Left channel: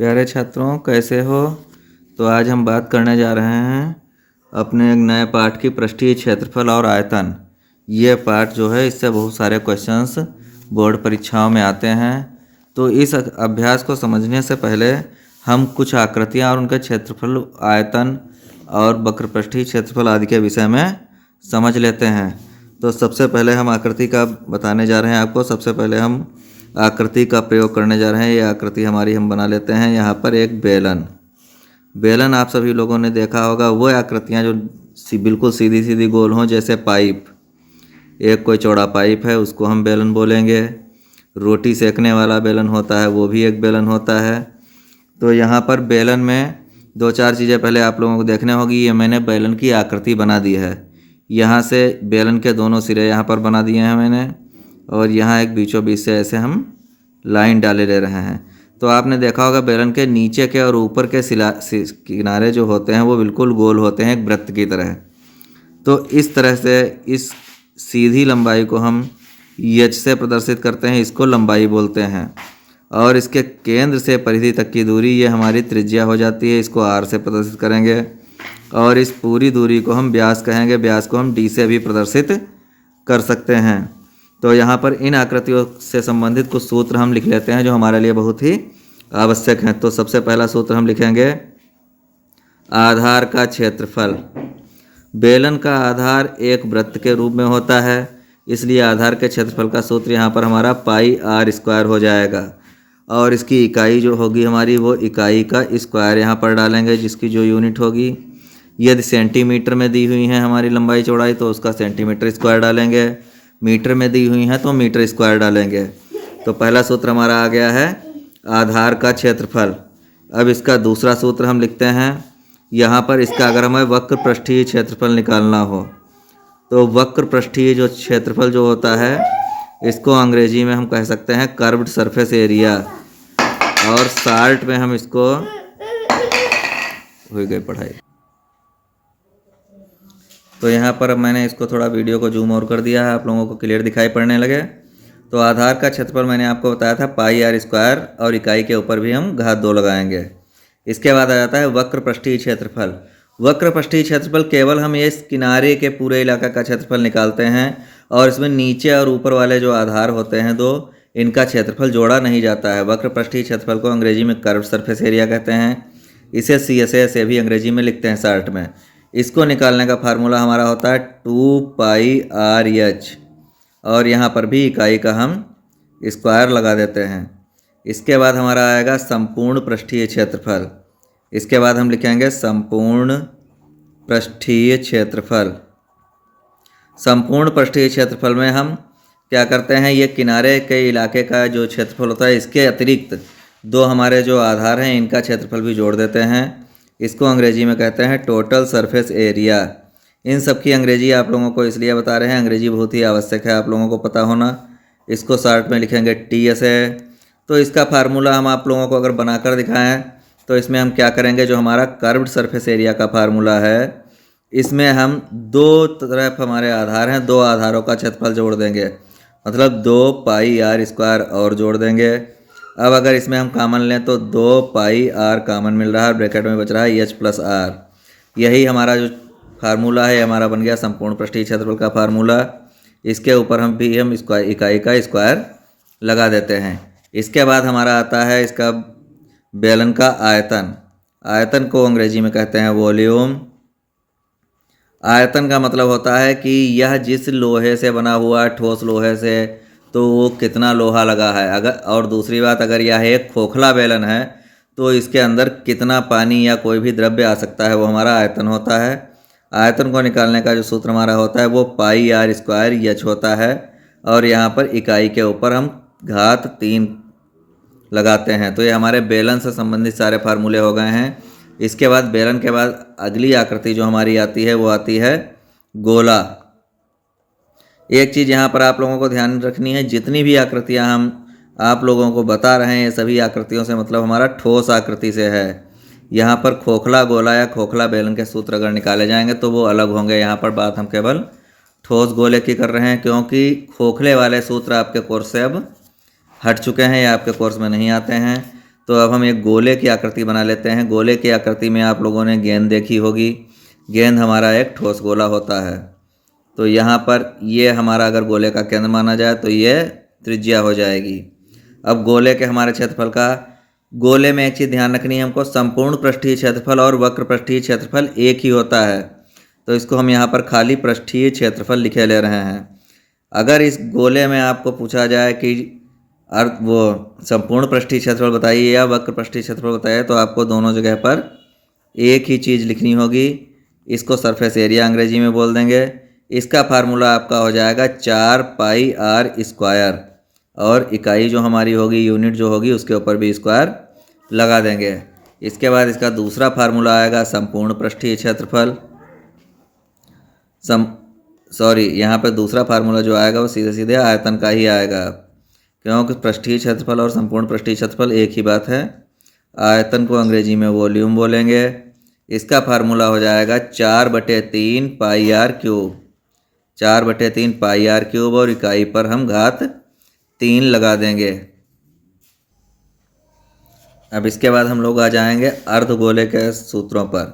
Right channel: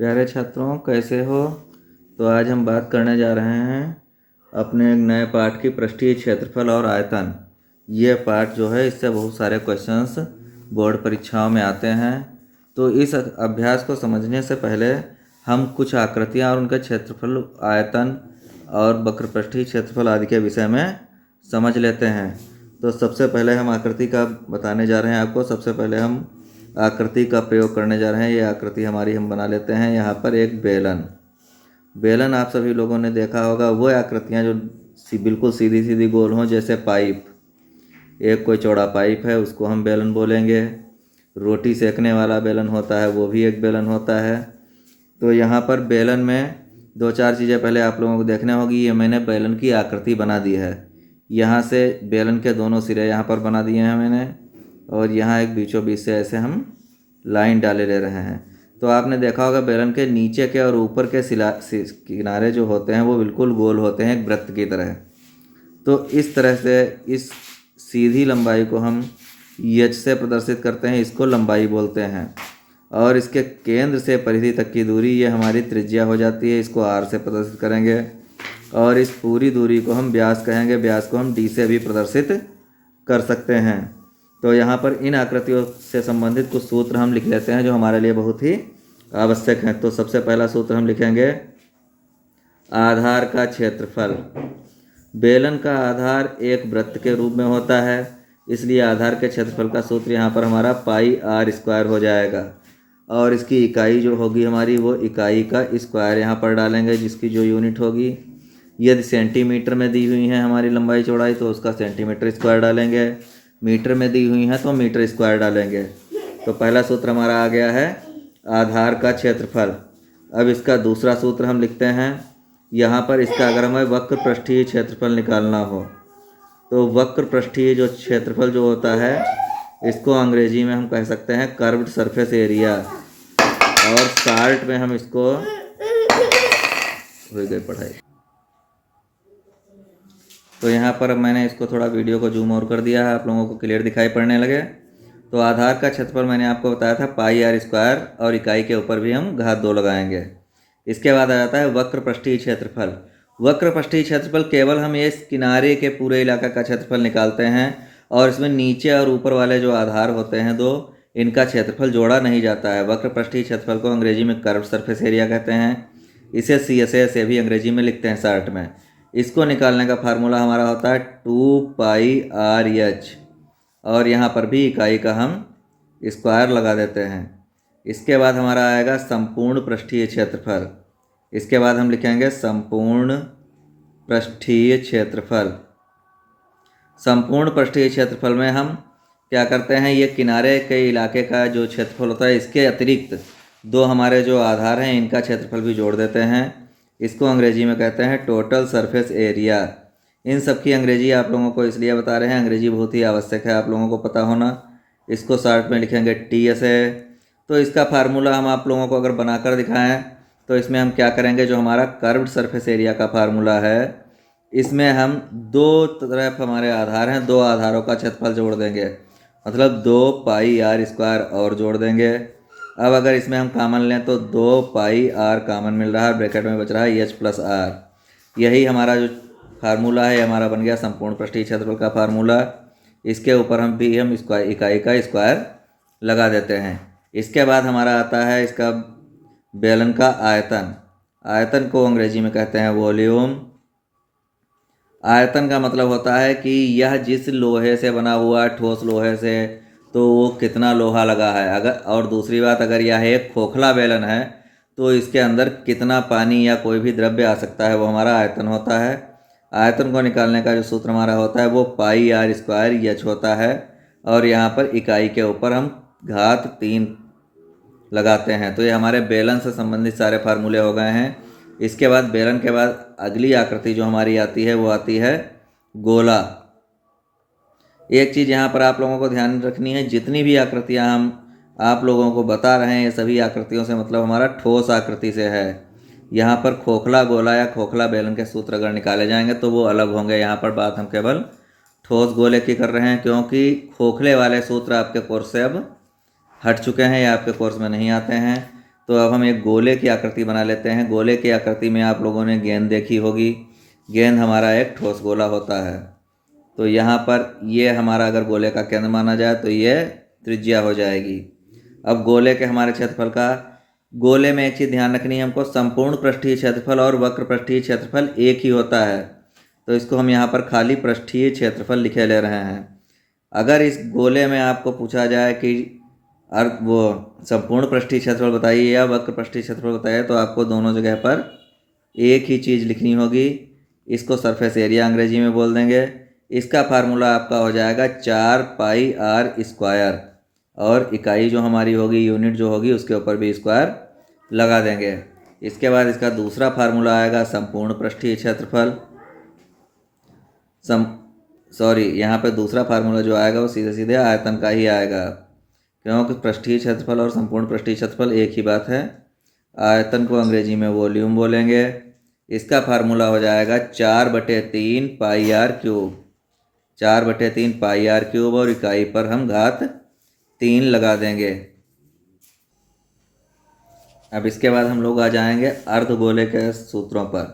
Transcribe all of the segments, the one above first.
प्यारे छात्रों, कैसे हो? तो आज हम बात करने जा रहे हैं अपने एक नए पाठ की पृष्ठीय क्षेत्रफल और आयतन। ये पाठ जो है इससे बहुत सारे क्वेश्चंस बोर्ड परीक्षाओं में आते हैं। तो इस अभ्यास को समझने से पहले हम कुछ आकृतियाँ और उनके क्षेत्रफल, आयतन और वक्रपृष्ठीय क्षेत्रफल आदि के विषय में समझ लेते हैं। तो सबसे पहले हम आकृति का बताने जा रहे हैं आपको। सबसे पहले हम आकृति का प्रयोग करने जा रहे हैं। ये आकृति हमारी हम बना लेते हैं। यहाँ पर एक बेलन आप सभी लोगों ने देखा होगा। वो आकृतियाँ जो बिल्कुल सीधी सीधी गोल हों, जैसे पाइप, एक कोई चौड़ा पाइप है उसको हम बेलन बोलेंगे। रोटी सेकने वाला बेलन होता है, वो भी एक बेलन होता है। तो यहाँ पर बेलन में दो चार चीज़ें पहले आप लोगों को देखने होगी। ये मैंने बेलन की आकृति बना दी है। यहाँ से बेलन के दोनों सिरे यहाँ पर बना दिए हैं मैंने, और यहाँ एक बीचों बीच से ऐसे हम लाइन डाले ले रहे हैं। तो आपने देखा होगा बेलन के नीचे के और ऊपर के किनारे जो होते हैं वो बिल्कुल गोल होते हैं, एक वृत्त की तरह। तो इस तरह से इस सीधी लंबाई को हम एच से प्रदर्शित करते हैं, इसको लंबाई बोलते हैं। और इसके केंद्र से परिधि तक की दूरी ये हमारी त्रिज्या हो जाती है, इसको आर से प्रदर्शित करेंगे। और इस पूरी दूरी को हम व्यास कहेंगे, व्यास को हम डी से भी प्रदर्शित कर सकते हैं। तो यहाँ पर इन आकृतियों से संबंधित कुछ सूत्र हम लिख लेते हैं जो हमारे लिए बहुत ही आवश्यक हैं। तो सबसे पहला सूत्र हम लिखेंगे आधार का क्षेत्रफल। बेलन का आधार एक वृत्त के रूप में होता है, इसलिए आधार के क्षेत्रफल का सूत्र यहाँ पर हमारा पाई आर स्क्वायर हो जाएगा। और इसकी इकाई जो होगी हमारी, वो इकाई का स्क्वायर यहाँ पर डालेंगे, जिसकी जो यूनिट होगी, यदि सेंटीमीटर में दी हुई है हमारी लंबाई चौड़ाई तो उसका सेंटीमीटर स्क्वायर डालेंगे, मीटर में दी हुई हैं तो मीटर स्क्वायर डालेंगे। तो पहला सूत्र हमारा आ गया है आधार का क्षेत्रफल। अब इसका दूसरा सूत्र हम लिखते हैं। यहाँ पर इसका अगर हमें वक्र पृष्ठीय क्षेत्रफल निकालना हो तो वक्र पृष्ठीय जो क्षेत्रफल जो होता है, इसको अंग्रेजी में हम कह सकते हैं कर्व्ड सरफेस एरिया, और शार्ट में हम इसको हो गई पढ़ाई। तो यहाँ पर अब मैंने इसको थोड़ा वीडियो को जूम और कर दिया है, आप लोगों को क्लियर दिखाई पड़ने लगे। तो आधार का क्षेत्रफल मैंने आपको बताया था पाई आर स्क्वायर, और इकाई के ऊपर भी हम घात 2 लगाएंगे। इसके बाद आ जाता है वक्र पृष्ठीय क्षेत्रफल। वक्र पृष्ठीय क्षेत्रफल केवल हम इस किनारे के पूरे इलाके का क्षेत्रफल निकालते हैं, और इसमें नीचे और ऊपर वाले जो आधार होते हैं दो, इनका क्षेत्रफल जोड़ा नहीं जाता है। वक्र पृष्ठीय क्षेत्रफल को अंग्रेजी में कर्व्ड सरफेस एरिया कहते हैं। इसे CSA से भी अंग्रेजी में लिखते हैं शार्ट में। इसको निकालने का फार्मूला हमारा होता है 2 पाई आर एच, और यहाँ पर भी इकाई का हम स्क्वायर लगा देते हैं। इसके बाद हमारा आएगा संपूर्ण पृष्ठीय क्षेत्रफल। इसके बाद हम लिखेंगे संपूर्ण पृष्ठीय क्षेत्रफल। संपूर्ण पृष्ठीय क्षेत्रफल में हम क्या करते हैं, ये किनारे के इलाके का जो क्षेत्रफल होता है, इसके अतिरिक्त दो हमारे जो आधार हैं इनका क्षेत्रफल भी जोड़ देते हैं। इसको अंग्रेजी में कहते हैं टोटल सरफेस एरिया। इन सब की अंग्रेजी आप लोगों को इसलिए बता रहे हैं, अंग्रेजी बहुत ही आवश्यक है आप लोगों को पता होना। इसको शार्ट में लिखेंगे TSA। तो इसका फार्मूला हम आप लोगों को अगर बनाकर दिखाएं तो इसमें हम क्या करेंगे, जो हमारा कर्व्ड सरफेस एरिया का फार्मूला है, इसमें हम दो तरफ हमारे आधार हैं, दो आधारों का क्षेत्रफल जोड़ देंगे, मतलब 2 पाई आर स्क्वायर और जोड़ देंगे। अब अगर इसमें हम कॉमन लें तो 2 पाई आर कॉमन मिल रहा है, ब्रैकेट में बच रहा है एच प्लस आर। यही हमारा जो फार्मूला है हमारा बन गया संपूर्ण पृष्ठीय क्षेत्रफल का फार्मूला। इसके ऊपर हम इकाई का स्क्वायर लगा देते हैं। इसके बाद हमारा आता है इसका बेलन का आयतन। आयतन को अंग्रेजी में कहते हैं वॉल्यूम। आयतन का मतलब होता है कि यह जिस लोहे से बना हुआ है, ठोस लोहे से, तो वो कितना लोहा लगा है। अगर और दूसरी बात, अगर यह एक खोखला बेलन है तो इसके अंदर कितना पानी या कोई भी द्रव्य आ सकता है, वो हमारा आयतन होता है। आयतन को निकालने का जो सूत्र हमारा होता है वो पाई आर स्क्वायर एच होता है, और यहाँ पर इकाई के ऊपर हम घात 3 लगाते हैं। तो ये हमारे बेलन से संबंधित सारे फार्मूले हो गए हैं। इसके बाद बेलन के बाद अगली आकृति जो हमारी आती है वो आती है गोला। एक चीज़ यहाँ पर आप लोगों को ध्यान रखनी है, जितनी भी आकृतियाँ हम आप लोगों को बता रहे हैं, ये सभी आकृतियों से मतलब हमारा ठोस आकृति से है। यहाँ पर खोखला गोला या खोखला बेलन के सूत्र अगर निकाले जाएंगे तो वो अलग होंगे। यहाँ पर बात हम केवल ठोस गोले की कर रहे हैं, क्योंकि खोखले वाले सूत्र आपके कोर्स से अब हट चुके हैं या आपके कोर्स में नहीं आते हैं। तो अब हम एक गोले की आकृति बना लेते हैं। गोले की आकृति में आप लोगों ने गेंद देखी होगी। गेंद हमारा एक ठोस गोला होता है। तो यहाँ पर ये हमारा अगर गोले का केंद्र माना जाए तो ये त्रिज्या हो जाएगी। अब गोले के हमारे क्षेत्रफल का, गोले में एक चीज़ ध्यान रखनी है हमको, संपूर्ण पृष्ठीय क्षेत्रफल और वक्र पृष्ठीय क्षेत्रफल एक ही होता है। तो इसको हम यहाँ पर खाली पृष्ठीय क्षेत्रफल लिखे ले रहे हैं। अगर इस गोले में आपको पूछा जाए कि वो संपूर्ण पृष्ठीय क्षेत्रफल बताइए या वक्र पृष्ठीय क्षेत्रफल बताइए, तो आपको दोनों जगह पर एक ही चीज़ लिखनी होगी। इसको सरफेस एरिया अंग्रेजी में बोल देंगे। इसका फार्मूला आपका हो जाएगा 4πr², और इकाई जो हमारी होगी, यूनिट जो होगी, उसके ऊपर भी स्क्वायर लगा देंगे। इसके बाद इसका दूसरा फार्मूला आएगा संपूर्ण पृष्ठीय क्षेत्रफल। यहाँ पे दूसरा फार्मूला जो आएगा वो सीधे सीधे आयतन का ही आएगा, क्योंकि पृष्ठीय क्षेत्रफल और संपूर्ण पृष्ठीय क्षेत्रफल एक ही बात है। आयतन को अंग्रेजी में वॉल्यूम बोलेंगे। इसका फार्मूला हो जाएगा 4/3πr³। 4/3πr³ और इकाई पर हम घात 3 लगा देंगे। अब इसके बाद हम लोग आ जाएंगे अर्धगोले के सूत्रों पर।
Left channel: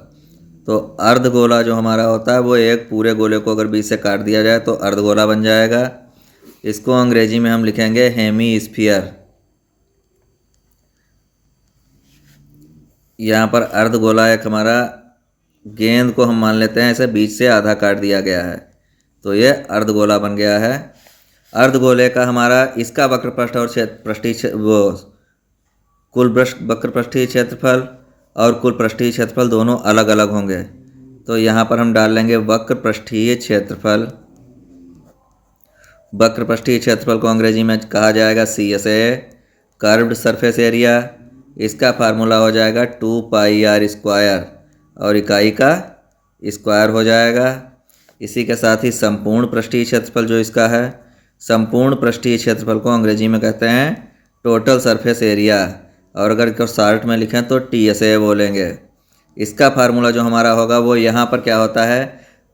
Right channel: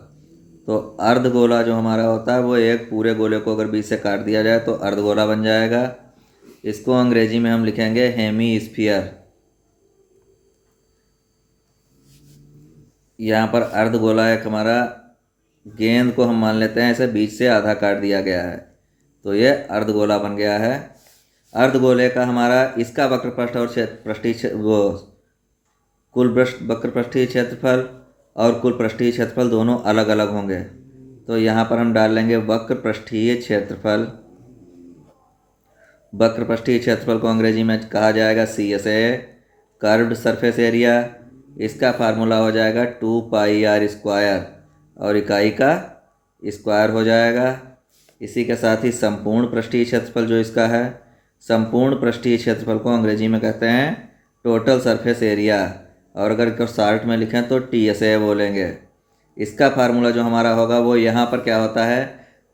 तो अर्धगोला जो हमारा होता है वो एक पूरे गोले को अगर बीच से काट दिया जाए तो अर्धगोला बन जाएगा। इसको अंग्रेजी में हम लिखेंगे हेमीस्फीयर। यहाँ पर अर्धगोला एक हमारा गेंद को हम मान लेते हैं ऐसे बीच से आधा काट दिया गया है, तो ये अर्धगोला बन गया है। अर्धगोले का हमारा इसका वक्र पृष्ठ और पृष्ठीय कुल वक्र पृष्ठीय क्षेत्रफल और कुल पृष्ठीय क्षेत्रफल दोनों अलग अलग होंगे। तो यहाँ पर हम डाल लेंगे वक्र पृष्ठीय क्षेत्रफल। वक्र पृष्ठीय क्षेत्रफल को अंग्रेजी में कहा जाएगा CSA, कर्व्ड सरफेस एरिया। इसका फार्मूला हो जाएगा 2πr², और इकाई का स्क्वायर हो जाएगा। इसी के साथ ही संपूर्ण पृष्ठीय क्षेत्रफल जो इसका है, संपूर्ण पृष्ठीय क्षेत्रफल को अंग्रेजी में कहते हैं टोटल सरफेस एरिया, और अगर इसको शॉर्ट में लिखें तो TSA बोलेंगे। इसका फार्मूला जो हमारा होगा वो यहाँ पर क्या होता है,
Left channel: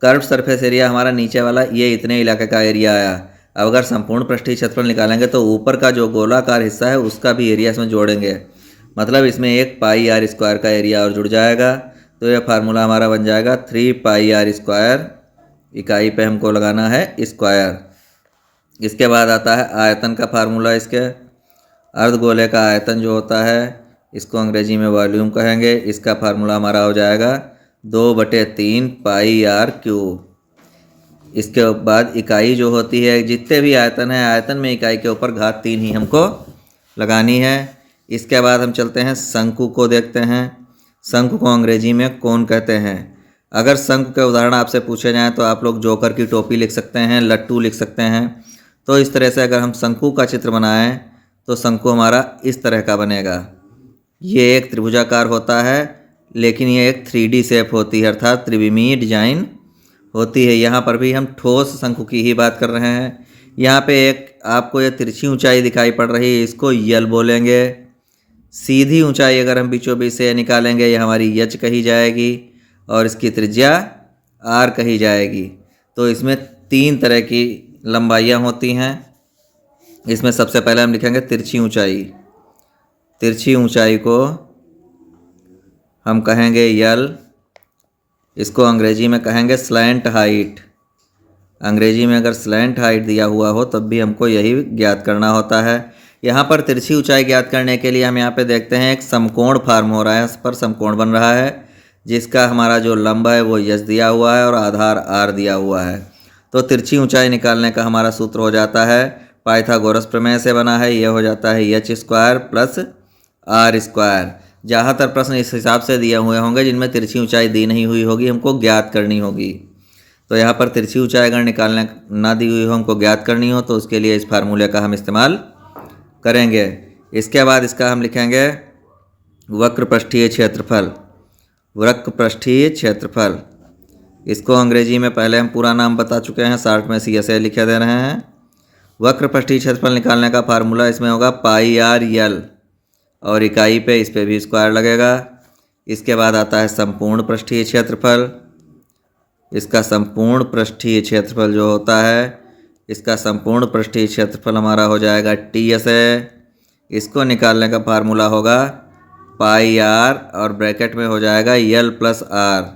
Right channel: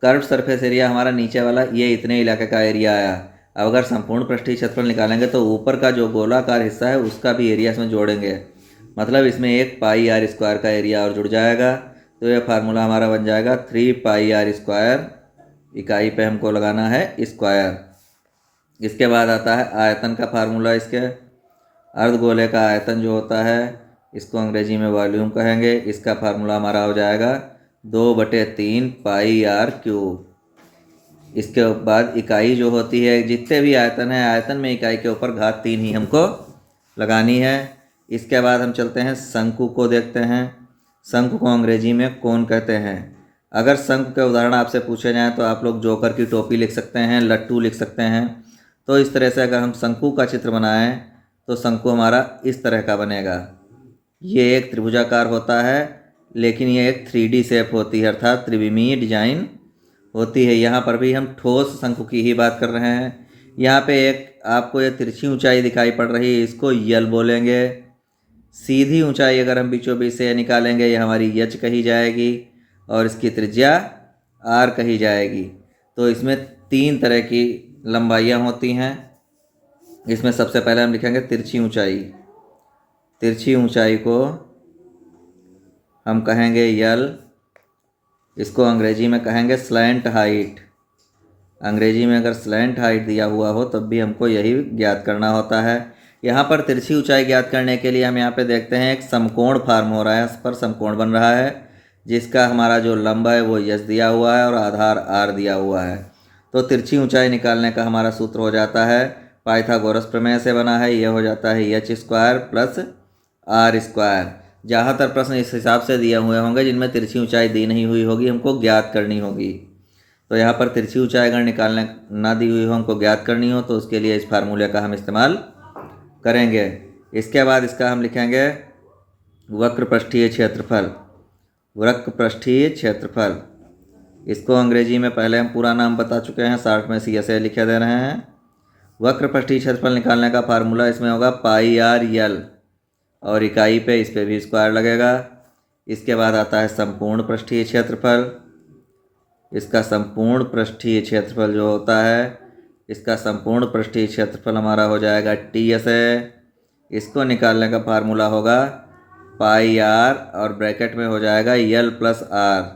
कर्व सरफेस एरिया हमारा नीचे वाला ये इतने इलाके का एरिया आया। अब अगर संपूर्ण पृष्ठीय क्षेत्रफल निकालेंगे तो ऊपर का जो गोलाकार हिस्सा है उसका भी एरिया इसमें जोड़ेंगे, मतलब इसमें एक πr² का एरिया और जुड़ जाएगा। तो यह फार्मूला हमारा बन जाएगा 3πr²। इकाई पे हमको लगाना है स्क्वायर। इसके बाद आता है आयतन का फार्मूला। इसके अर्धगोले का आयतन जो होता है इसको अंग्रेजी में वॉल्यूम कहेंगे। इसका फार्मूला हमारा हो जाएगा 2/3πr³। इसके बाद इकाई जो होती है, जितने भी आयतन है, आयतन में इकाई के ऊपर घात 3 ही हमको लगानी है। इसके बाद हम चलते हैं शंकु को देखते हैं। शंकु को अंग्रेजी में कोन कहते हैं। अगर शंकु के उदाहरण आपसे पूछे जाएँ तो आप लोग जोकर की टोपी लिख सकते हैं, लट्टू लिख सकते हैं। तो इस तरह से अगर हम शंकु का चित्र बनाएं तो शंकु हमारा इस तरह का बनेगा। ये एक त्रिभुजाकार होता है, लेकिन ये एक 3D शेप होती है, अर्थात त्रिविमीय डिजाइन होती है। यहाँ पर भी हम ठोस शंकु की ही बात कर रहे हैं। यहाँ पे एक आपको ये तिरछी ऊंचाई दिखाई पड़ रही है, इसको यल बोलेंगे। सीधी ऊंचाई अगर हम बीचों बीच से निकालेंगे ये हमारी यच कही जाएगी, और इसकी त्रिज्या आर कही जाएगी। तो इसमें 3 तरह की लंबाइयाँ होती हैं। इसमें सबसे पहले हम लिखेंगे तिरछी ऊंचाई। तिरछी ऊंचाई को हम कहेंगे यल। इसको अंग्रेजी में कहेंगे स्लैंट हाइट। अंग्रेजी में अगर स्लैंट हाइट दिया हुआ हो तब भी हमको यही ज्ञात करना होता है। यहाँ पर तिरछी ऊंचाई ज्ञात करने के लिए हम यहाँ पे देखते हैं एक समकोण फॉर्म हो रहा है। इस पर समकोण बन रहा है, जिसका हमारा जो लंब है वो यस दिया हुआ है और आधार आर दिया हुआ है। तो तिरछी ऊंचाई निकालने का हमारा सूत्र हो जाता है, पाइथागोरस प्रमेय से बना है। यह हो जाता है h² प्लस r²। ज़्यादातर प्रश्न इस हिसाब से दिए हुए होंगे जिनमें तिरछी ऊंचाई दी नहीं हुई होगी, हमको ज्ञात करनी होगी। तो यहाँ पर तिरछी ऊंचाई अगर निकालने ना दी हुई हो, हमको ज्ञात करनी हो, तो उसके लिए इस फार्मूले का हम इस्तेमाल करेंगे। इसके बाद इसका हम लिखेंगे वक्र पृष्ठीय क्षेत्रफल। वक्र पृष्ठीय क्षेत्रफल, इसको अंग्रेजी में पहले हम पूरा नाम बता चुके हैं, शॉर्ट में CSA लिखे दे रहे हैं। वक्र पृष्ठीय क्षेत्रफल निकालने का फार्मूला इसमें होगा πr×l, और इकाई पे इस पे भी स्क्वायर लगेगा। इसके बाद आता है संपूर्ण पृष्ठीय क्षेत्रफल। इसका संपूर्ण पृष्ठीय क्षेत्रफल जो होता है, इसका संपूर्ण पृष्ठीय क्षेत्रफल हमारा हो जाएगा TSA। इसको निकालने का फार्मूला होगा पाई आर और ब्रैकेट में हो जाएगा यल प्लस आर।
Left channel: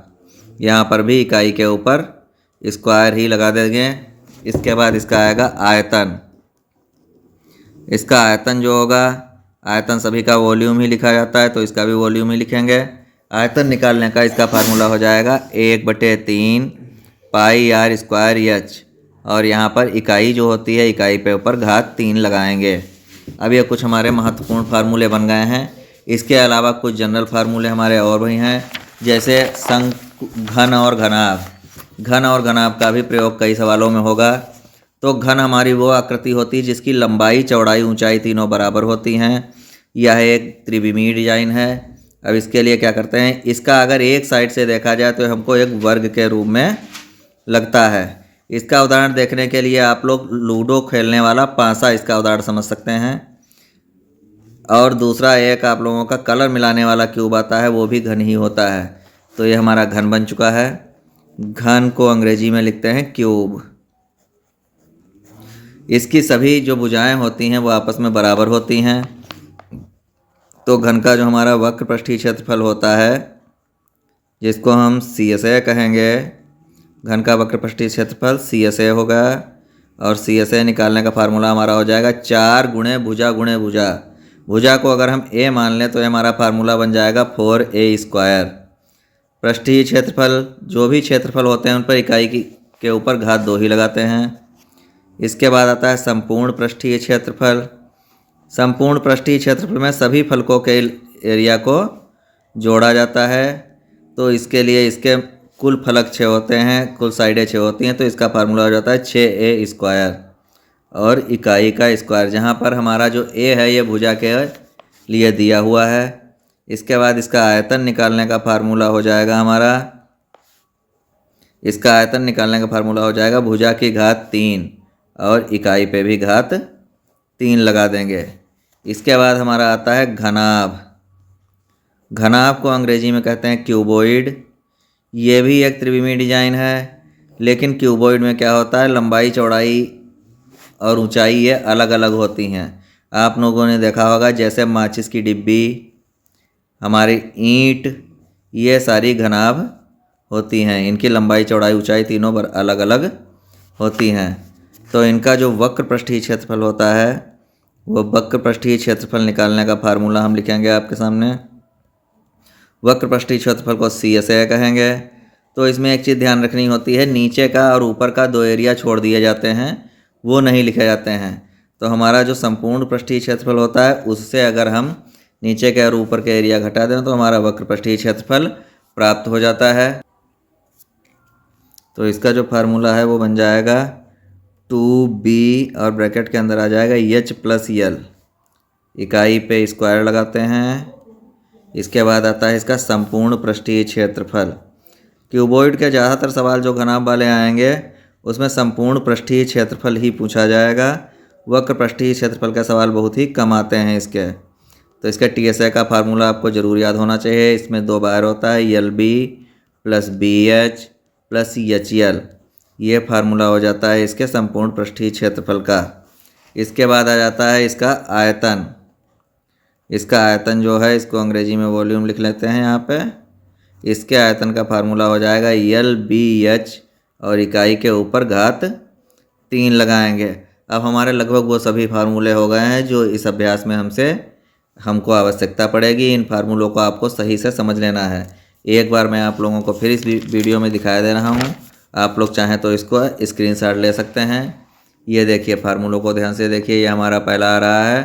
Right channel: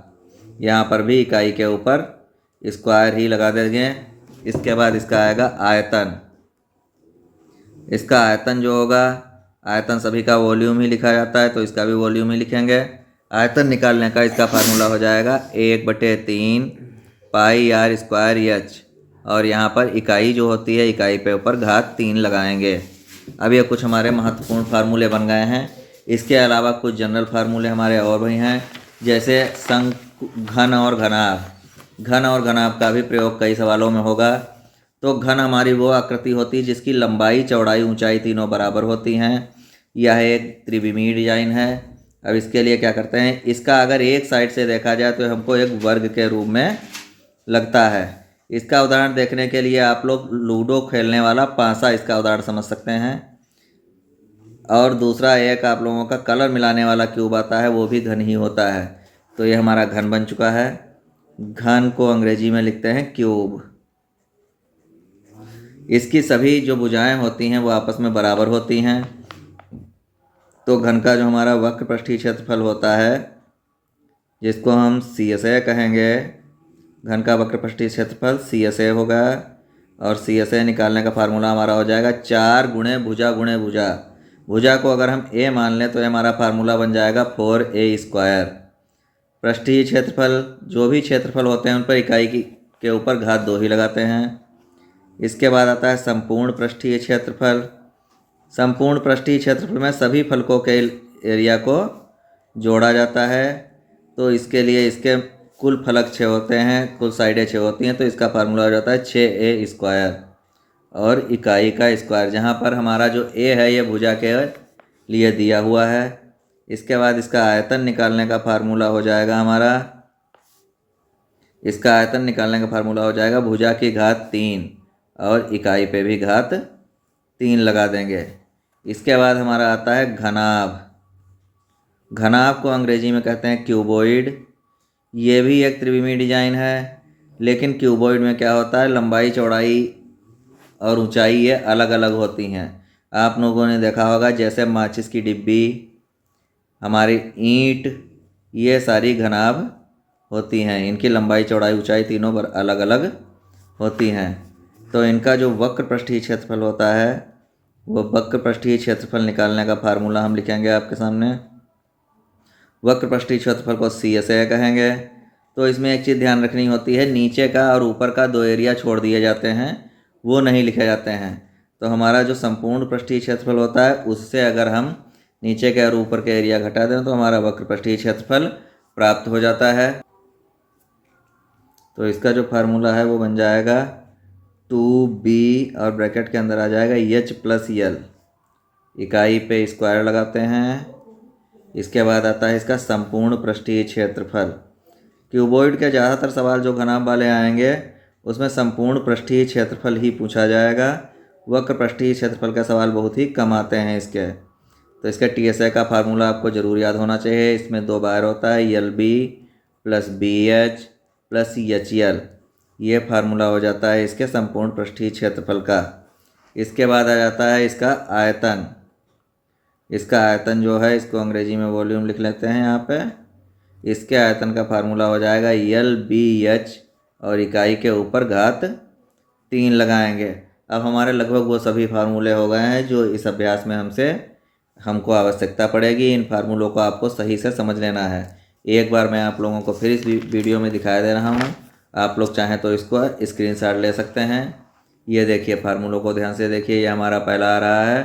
यहाँ पर भी इकाई के ऊपर स्क्वायर ही लगा देंगे। इसके बाद इसका आएगा आयतन। इसका आयतन जो होगा, आयतन सभी का वॉल्यूम ही लिखा जाता है तो इसका भी वॉल्यूम ही लिखेंगे। आयतन निकालने का इसका फार्मूला हो जाएगा 1/3 पाई आर स्क्वायर एच, और यहाँ पर इकाई जो होती है इकाई पे ऊपर घात 3 लगाएंगे। अब ये कुछ हमारे महत्वपूर्ण फार्मूले बन गए हैं। इसके अलावा कुछ जनरल फार्मूले हमारे और भी हैं, जैसे घन और घनाभ। घन और घनाभ का भी प्रयोग कई सवालों में होगा। तो घन हमारी वो आकृति होती है जिसकी लंबाई चौड़ाई ऊंचाई तीनों बराबर होती हैं। यह एक त्रिविमीय डिजाइन है। अब इसके लिए क्या करते हैं, इसका अगर एक साइड से देखा जाए तो हमको एक वर्ग के रूप में लगता है। इसका उदाहरण देखने के लिए आप लोग लूडो खेलने वाला पासा इसका उदाहरण समझ सकते हैं। और दूसरा एक आप लोगों का कलर मिलाने वाला क्यूब आता है, वो भी घन ही होता है। तो ये हमारा घन बन चुका है। घन को अंग्रेजी में लिखते हैं क्यूब। इसकी सभी जो भुजाएं होती हैं वो आपस में बराबर होती हैं। तो घन का जो हमारा वक्र पृष्ठीय क्षेत्रफल होता है, जिसको हम CSA कहेंगे, घन का वक्र पृष्ठीय क्षेत्रफल CSA होगा। और CSA निकालने का फार्मूला हमारा हो जाएगा 4 गुणे भुजा गुणे भुजा। भुजा को अगर हम A मान लें तो ये हमारा फार्मूला बन जाएगा 4A²। पृष्ठीय क्षेत्रफल, जो भी क्षेत्रफल होते हैं उन पर इकाई के ऊपर घात 2 ही लगाते हैं। इसके बाद आता है संपूर्ण पृष्ठीय क्षेत्रफल। संपूर्ण पृष्ठीय क्षेत्रफल में सभी फलकों के एरिया को जोड़ा जाता है। तो इसके लिए इसके कुल फलक 6 होते हैं, कुल साइडें 6 होती हैं, तो इसका फार्मूला हो जाता है 6A² और इकाई का स्क्वायर, जहाँ पर हमारा जो A है ये भुजा के लिए दिया हुआ है। इसके बाद इसका आयतन निकालने का फार्मूला हो जाएगा हमारा, इसका आयतन निकालने का फार्मूला हो जाएगा भुजा की घात 3 और इकाई पे भी घात 3 लगा देंगे। इसके बाद हमारा आता है घनाभ। घनाभ को अंग्रेजी में कहते हैं क्यूबॉइड। ये भी एक त्रिविमीय डिजाइन है, लेकिन क्यूबॉइड में क्या होता है, लंबाई चौड़ाई और ऊंचाई ये अलग अलग होती हैं। आप लोगों ने देखा होगा जैसे माचिस की डिब्बी, हमारी ईंट, ये सारी घनाभ होती हैं। इनकी लंबाई चौड़ाई ऊंचाई तीनों पर अलग अलग होती हैं। तो इनका जो वक्र पृष्ठीय क्षेत्रफल होता है, वो वक्र पृष्ठीय क्षेत्रफल निकालने का फार्मूला हम लिखेंगे आपके सामने। वक्र पृष्ठीय क्षेत्रफल को CSA कहेंगे। तो इसमें एक चीज़ ध्यान रखनी होती है, नीचे का और ऊपर का 2 एरिया छोड़ दिए जाते हैं, वो नहीं लिखे जाते हैं। तो हमारा जो संपूर्ण पृष्ठीय क्षेत्रफल होता है उससे अगर हम नीचे के और ऊपर के एरिया घटा दें तो हमारा वक्र पृष्ठीय क्षेत्रफल प्राप्त हो जाता है। तो इसका जो फार्मूला है वो बन जाएगा 2B और ब्रैकेट के अंदर आ जाएगा H + L। इकाई पे स्क्वायर लगाते हैं। इसके बाद आता है इसका संपूर्ण पृष्ठीय क्षेत्रफल। क्यूबॉइड के ज़्यादातर सवाल जो घनाभ वाले आएंगे उसमें संपूर्ण पृष्ठीय क्षेत्रफल ही पूछा जाएगा। वक्र पृष्ठीय क्षेत्रफल का सवाल बहुत ही कम आते हैं इसके। तो इसके TSA का फार्मूला आपको ज़रूर याद होना चाहिए। इसमें 2 बार होता है, LB + BH + HL। ये फार्मूला हो जाता है इसके संपूर्ण पृष्ठीय क्षेत्रफल का। इसके बाद आ जाता है इसका आयतन। इसका आयतन जो है, इसको अंग्रेजी में वॉल्यूम लिख लेते हैं यहाँ पे। इसके आयतन का फार्मूला हो जाएगा LBH और इकाई के ऊपर घात 3 लगाएंगे। अब हमारे लगभग वो सभी फार्मूले हो गए हैं जो इस अभ्यास में हमको आवश्यकता पड़ेगी। इन फार्मूलों को आपको सही से समझ लेना है। एक बार मैं आप लोगों को फिर इस वीडियो में दिखाई दे रहा हूँ, आप लोग चाहें तो इसको स्क्रीनशॉट ले सकते हैं। ये देखिए, फार्मूलों को ध्यान से देखिए। ये हमारा पहला आ रहा है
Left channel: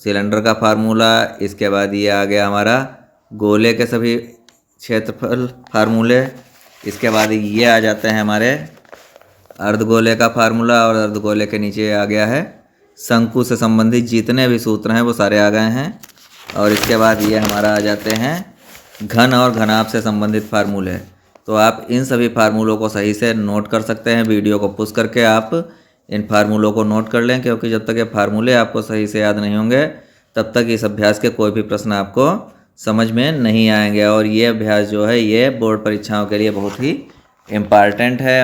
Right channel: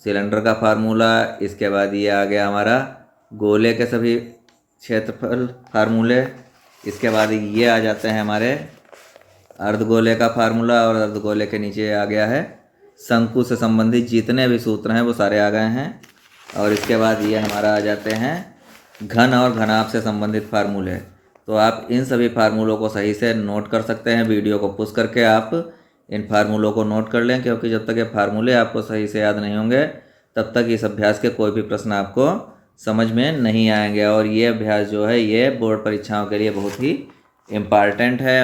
सिलेंडर का फार्मूला। इसके बाद ये आ गया हमारा गोले के सभी क्षेत्रफल फार्मूले। इसके बाद ये आ जाते हैं हमारे अर्धगोले का फार्मूला, और अर्धगोले के नीचे आ गया है शंकु से संबंधित जितने भी सूत्र हैं वो सारे आ गए हैं। और इसके बाद ये हमारा आ जाते हैं घन और घनाभ से संबंधित फार्मूले। तो आप इन सभी फार्मूलों को सही से नोट कर सकते हैं। वीडियो को पुश करके आप इन फार्मूलों को नोट कर लें, क्योंकि जब तक ये फार्मूले आपको सही से याद नहीं होंगे तब तक इस अभ्यास के कोई भी प्रश्न आपको समझ में नहीं आएंगे। और ये अभ्यास जो है ये बोर्ड परीक्षाओं के लिए बहुत ही इम्पॉर्टेंट है।